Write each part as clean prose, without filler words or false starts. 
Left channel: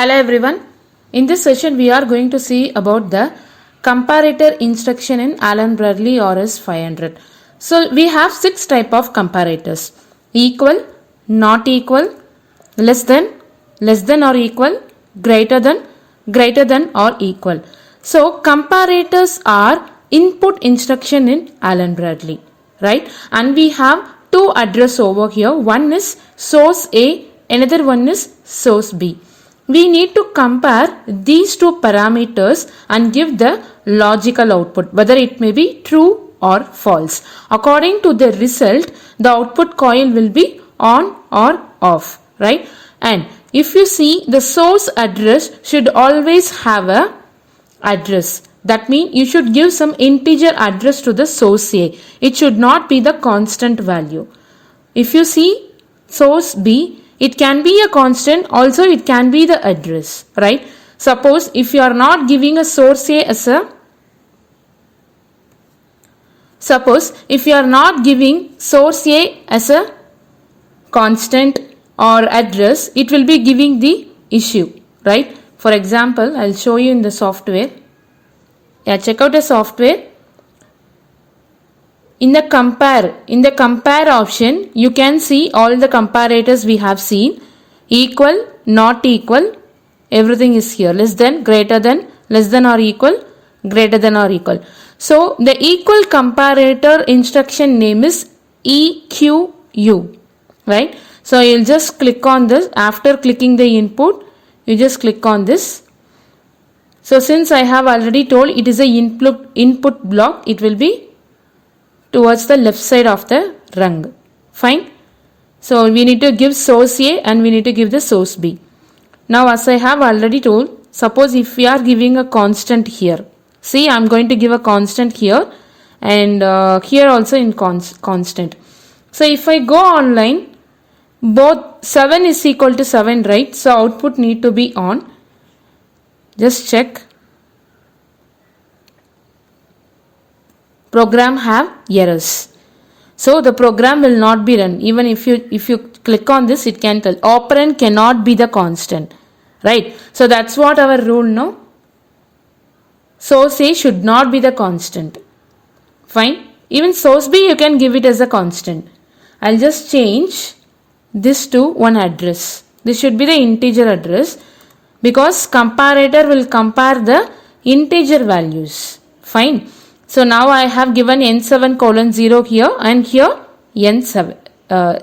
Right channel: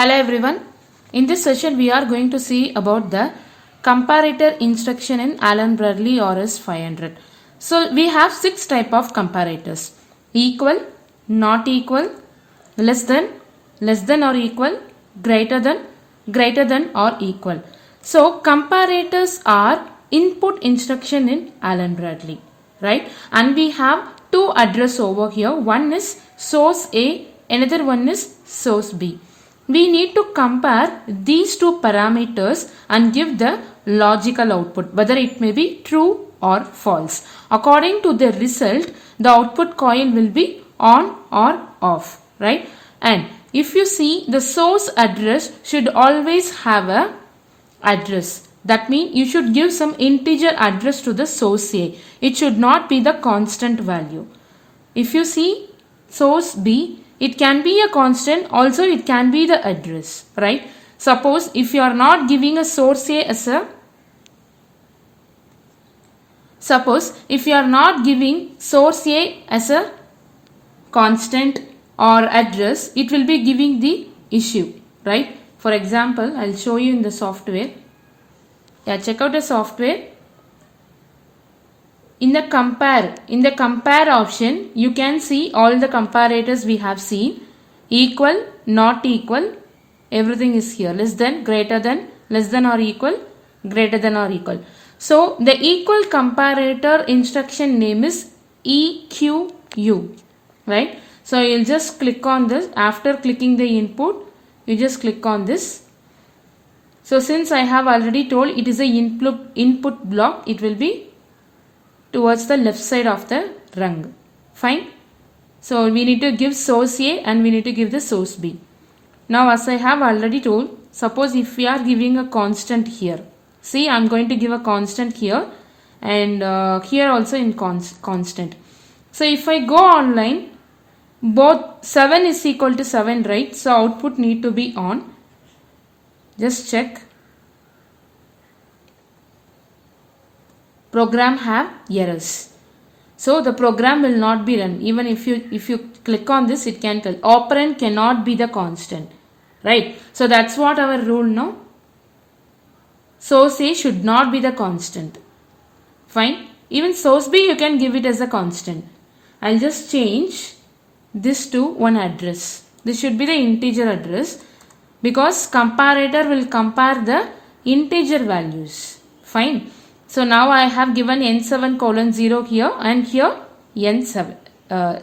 Hello everyone. In this session we are going to see about the comparator instruction in Allen Bradley RS 500. So we have 6 type of comparators: equal, not equal, less than or equal, greater than or equal. So comparators are input instruction in Allen Bradley, right? And we have two address over here. One is source A, another one is source B. We need to compare these two parameters and give the logical output, whether it may be true or false. According to the result, the output coil will be on or off, right? And if you see, the source address should always have a address. That means you should give some integer address to the source A. It should not be the constant value. If you see source B, it can be a constant, also it can be the address, right? Suppose if you are not giving a source A as a constant or address, it will be giving the issue, right? For example, I'll show you in the software. Yeah, check out the software. In the compare option, you can see all the comparators we have seen. Equal, not equal, everything is here. Less than, greater than, less than or equal, greater than or equal. So the equal comparator instruction name is EQU, right? So you'll just click on this. After clicking the input, you just click on this. So since I have already told it is a input block, it will be towards the left side of the rung. Fine. So we need to give source A and we need to give the source B. Now as I have already told, suppose if we are giving a constant here. See, I am going to give a constant here and here also in constant. So if I go online, both 7 is equal to 7, right? So output need to be on. Just check. Program have errors. So the program will not be run. Even if you click on this, it can tell operand cannot be the constant, right? So that's what our rule now. Source A should not be the constant. Fine. Even source B you can give it as a constant. I'll just change this to one address. This should be the integer address because comparator will compare the integer values. Fine. So now I have given n7:0 here and here n7,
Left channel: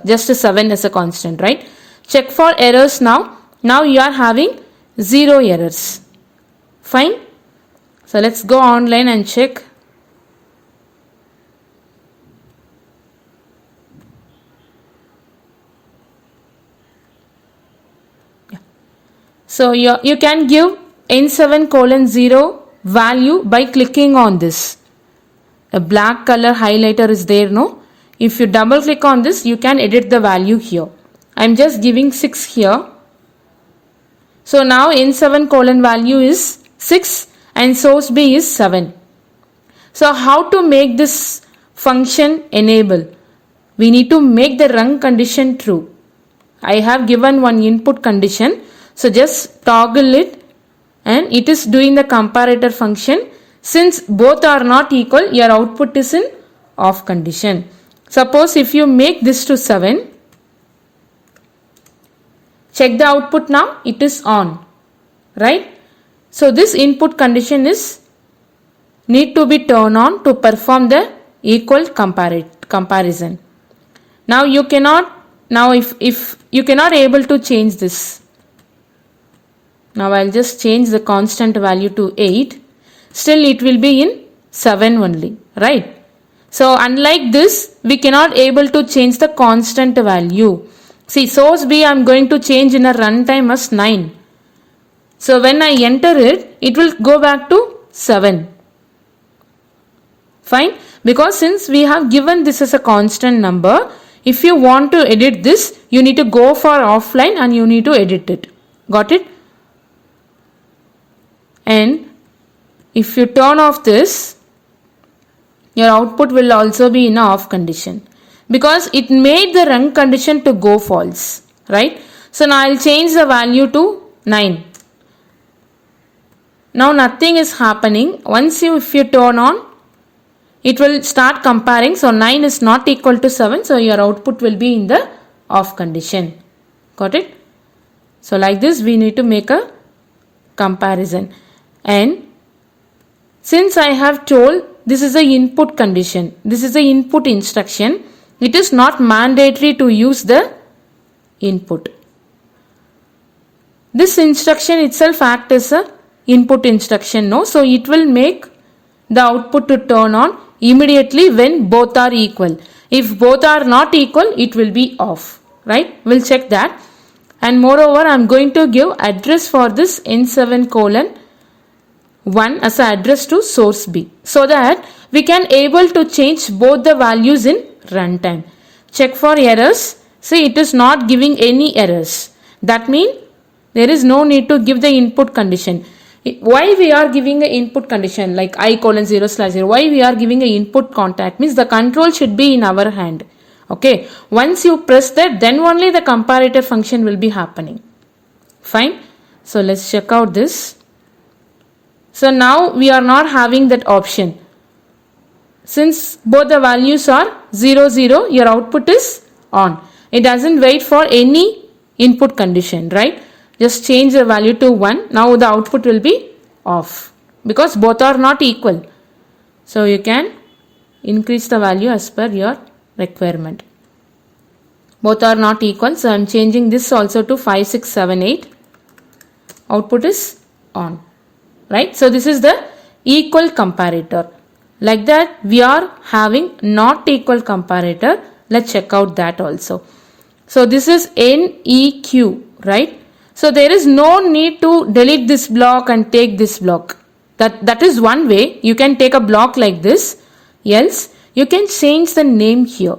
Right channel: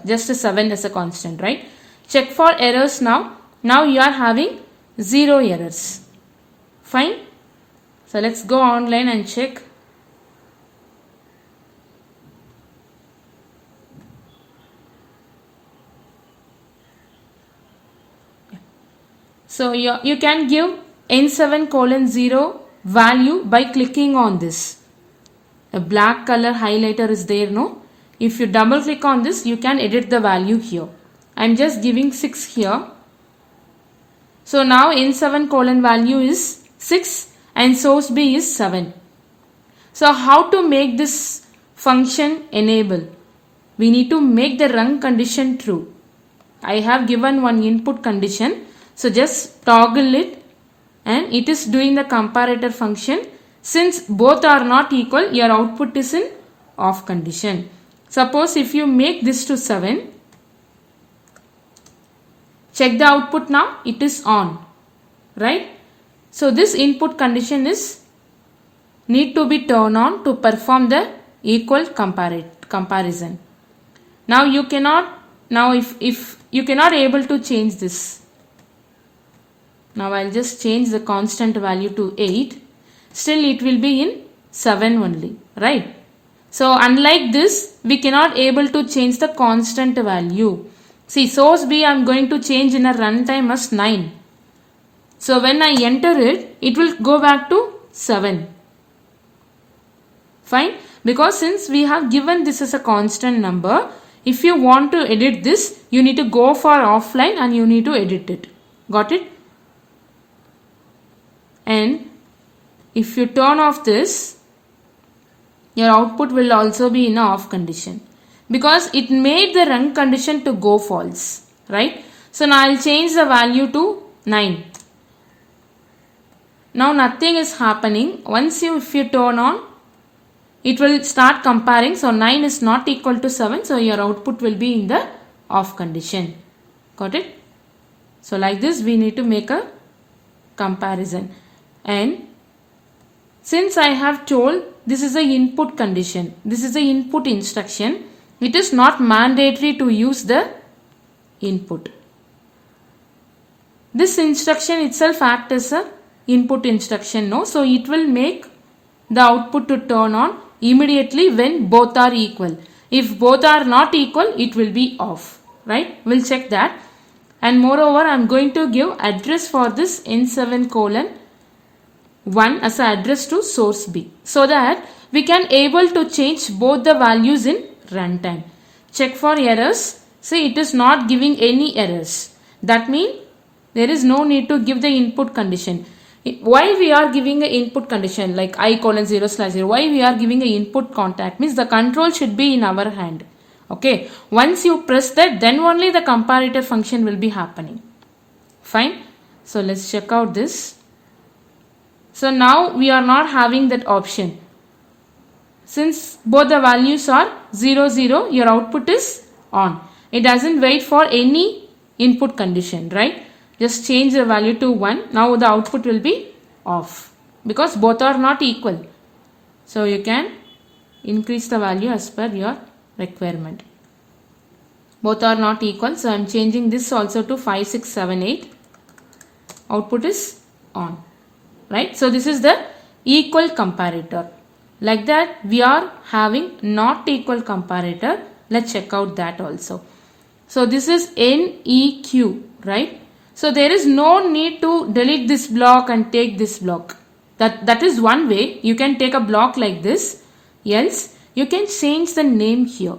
just a 7 as a constant, right? Check for errors now. Now you are having 0 errors. Fine. So let's go online and check. Yeah. So you can give n7:0 value by clicking on this. A black color highlighter is there, no? If you double click on this, you can edit the value here. I'm just giving 6 here. So now n7 value is 6 and source B is 7. So how to make this function enable? We need to make the rung condition true. I have given one input condition. So just toggle it and it is doing the comparator function. Since both are not equal, your output is in off condition. Suppose if you make this to 7, check the output now, it is on, right? So this input condition is need to be turned on to perform the equal comparison. Now you cannot, if you cannot able to change this. Now I'll just change the constant value to 8. Still it will be in 7 only, right? So unlike this, we cannot able to change the constant value. See, source B I am going to change in a runtime as 9. So when I enter it, it will go back to 7. Fine? Because since we have given this as a constant number, if you want to edit this, you need to go for offline and you need to edit it. Got it? And if you turn off this, your output will also be in a off condition because it made the rung condition to go false, right? So now I'll change the value to 9. Now nothing is happening. Once if you turn on, it will start comparing. So 9 is not equal to 7. So your output will be in the off condition. Got it? So like this we need to make a comparison. And since I have told this is a input condition, this is a input instruction, it is not mandatory to use the input. This instruction itself acts as a input instruction, no? So it will make the output to turn on immediately when both are equal. If both are not equal, it will be off, right? We'll check that. And moreover, I am going to give address for this N7 colon 1 as an address to source B, so that we can able to change both the values in runtime. Check for errors. See, it is not giving any errors. That means there is no need to give the input condition. Why we are giving an input condition like I colon 0/0? Why we are giving an input contact? Means the control should be in our hand. Okay. Once you press that, then only the comparator function will be happening. Fine. So let's check out this. So now we are not having that option. Since both the values are 0, 0, your output is on. It doesn't wait for any input condition, right? Just change the value to 1. Now the output will be off because both are not equal. So you can increase the value as per your requirement. Both are not equal. So I am changing this also to 5, 6, 7, 8. Output is on. Right? So this is the equal comparator. Like that we are having not equal comparator. Let's check out that also. So this is NEQ, right? So there is no need to delete this block and take this block. That is one way. You can take a block like this. Else you can change the name here.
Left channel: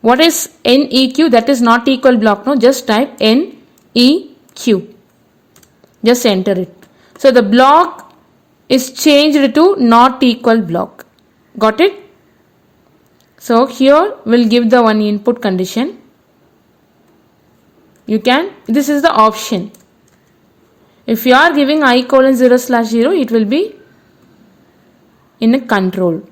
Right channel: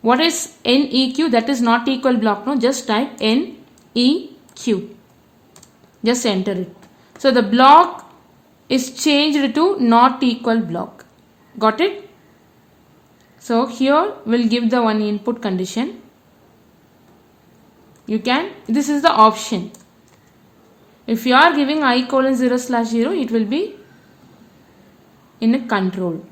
What is NEQ? That is not equal block. No, just type NEQ. Just enter it. So the block is changed to not equal block. Got it? So here we'll give the one input condition. You can, this is the option. If you are giving I colon 0/0, it will be in a control.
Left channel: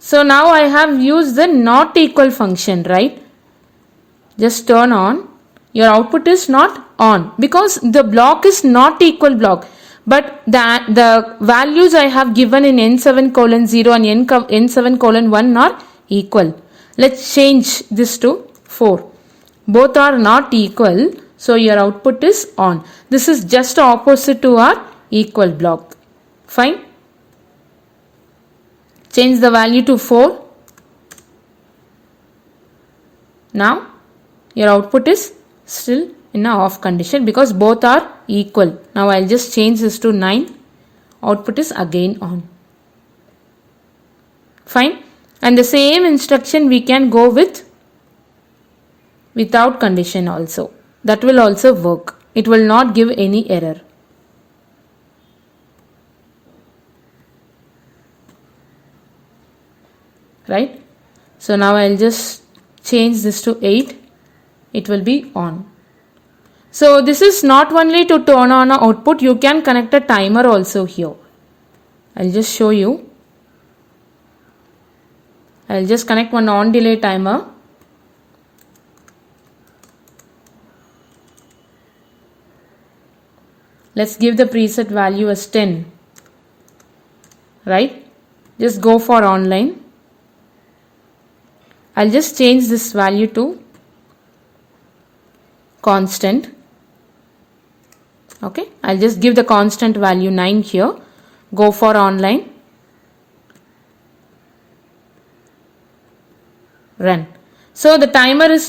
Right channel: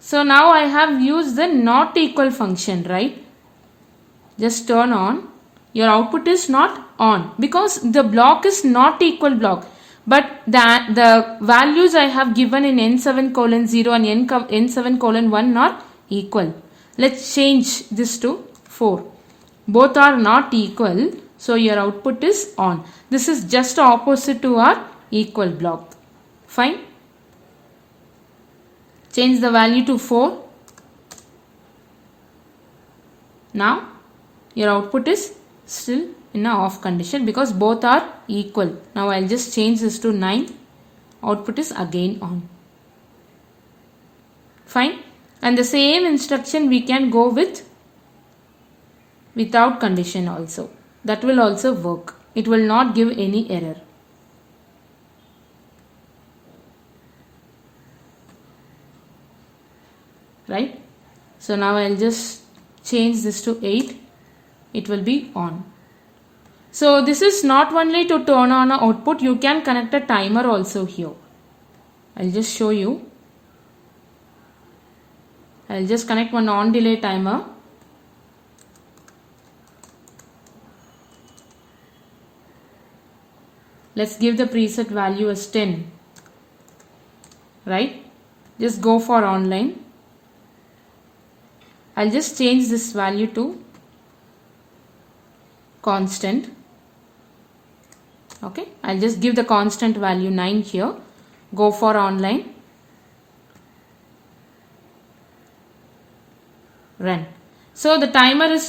So now I have used the not equal function, right? Just turn on. Your output is not on because the block is not equal block. But the values I have given in N7 colon 0 and N7 colon 1 are equal. Let's change this to 4. Both are not equal. So your output is on. This is just opposite to our equal block. Fine. Change the value to 4. Now your output is still in a off condition because both are equal. Now I'll just change this to 9. Output is again on. Fine. And the same instruction we can go with without condition also. That will also work. It will not give any error. Right? So now I'll just change this to 8. It will be on. So this is not only to turn on an output, you can connect a timer also here. I'll just show you. I'll just connect one on delay timer. Let's give the preset value as 10. Right? Just go for online. I'll just change this value to constant. Okay, I'll just give the constant value 9 here. Go for online. Run. So the timer is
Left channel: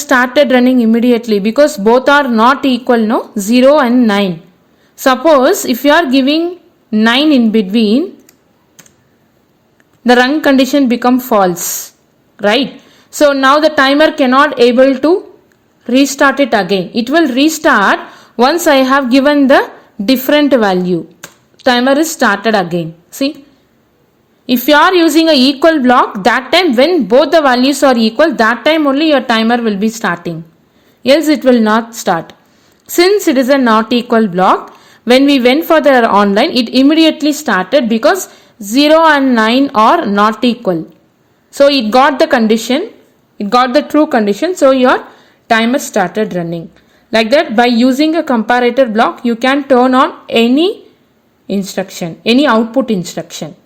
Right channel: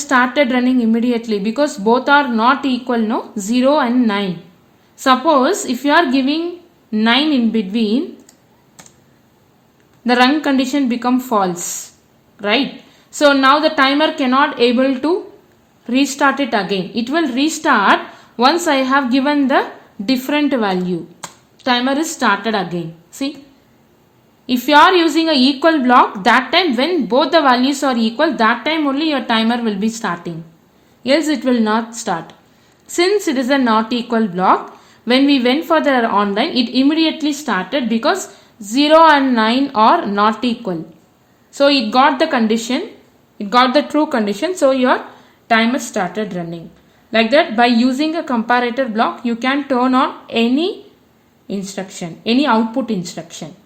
started running immediately because both are not equal, no? 0 and 9. Suppose if you are giving 9 in between, the run condition become false, right? So now the timer cannot able to restart it again. It will restart once I have given the different value. Timer is started again. See, If you are using a equal block, that time when both the values are equal, that time only your timer will be starting. Else it will not start. Since it is a not equal block, when we went for the online, it immediately started because 0 and 9 are not equal. So it got the condition, it got the true condition, so your timer started running. Like that, by using a comparator block, you can turn on any instruction, any output instruction.